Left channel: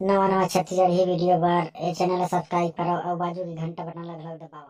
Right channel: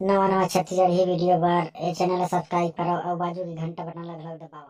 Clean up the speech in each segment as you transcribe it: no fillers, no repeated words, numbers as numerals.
नवा नवा छत्तीसगढ़ ही वीडियो बार ए चैनल ला सब्सक्राइब करो और बाजू की घंटा बटन ला घलो दबाओ।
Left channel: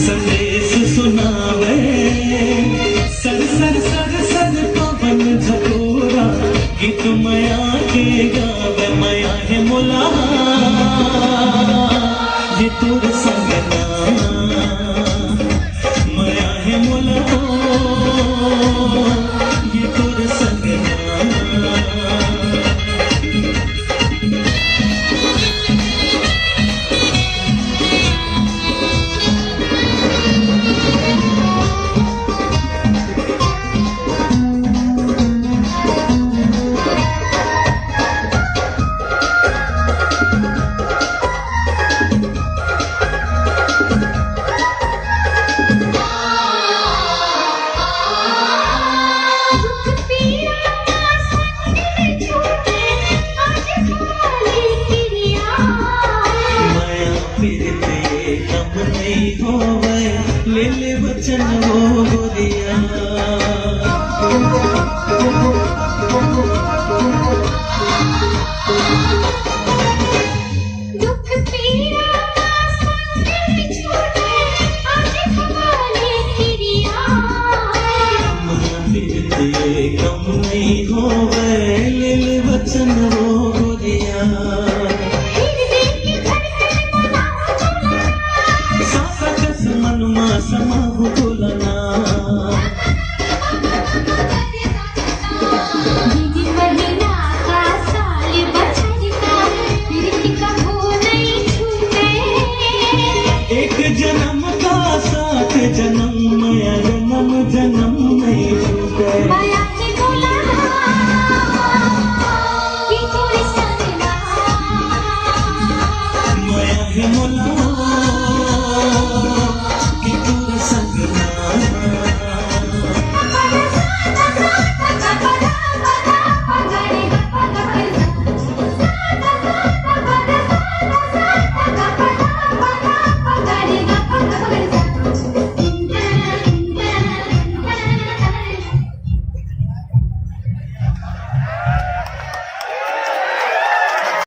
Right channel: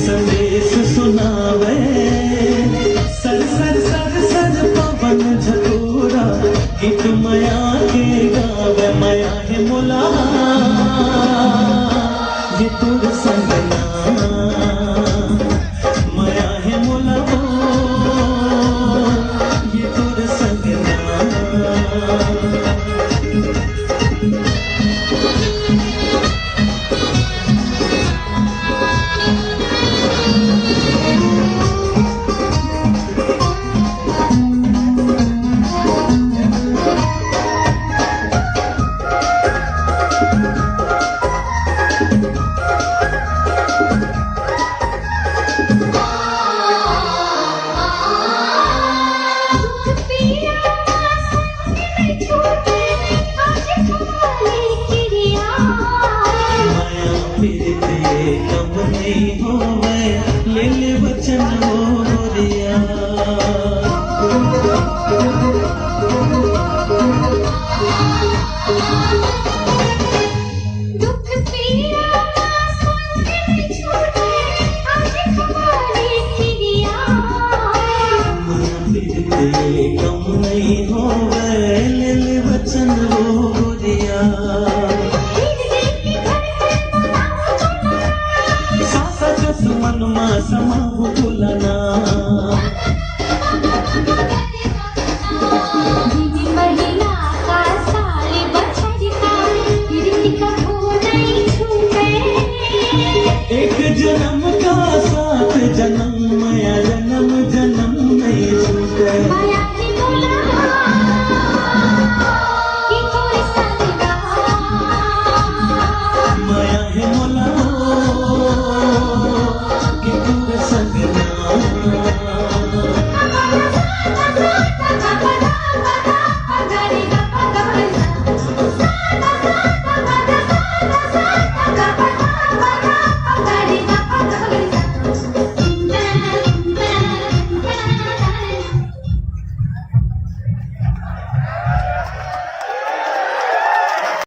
संदेश सुनावे सर सर सर सर पवन झकोरा गीत मया के गावे मया है मुला ये तुर संगना मया है मुला ये तुर संगना। नहीं होवे ले ले वचन हो गोरिया दुख पीड़ा छोड़े आज तुम्हारी किरिया मन पीते कम नहीं होवे ले ले वचन हो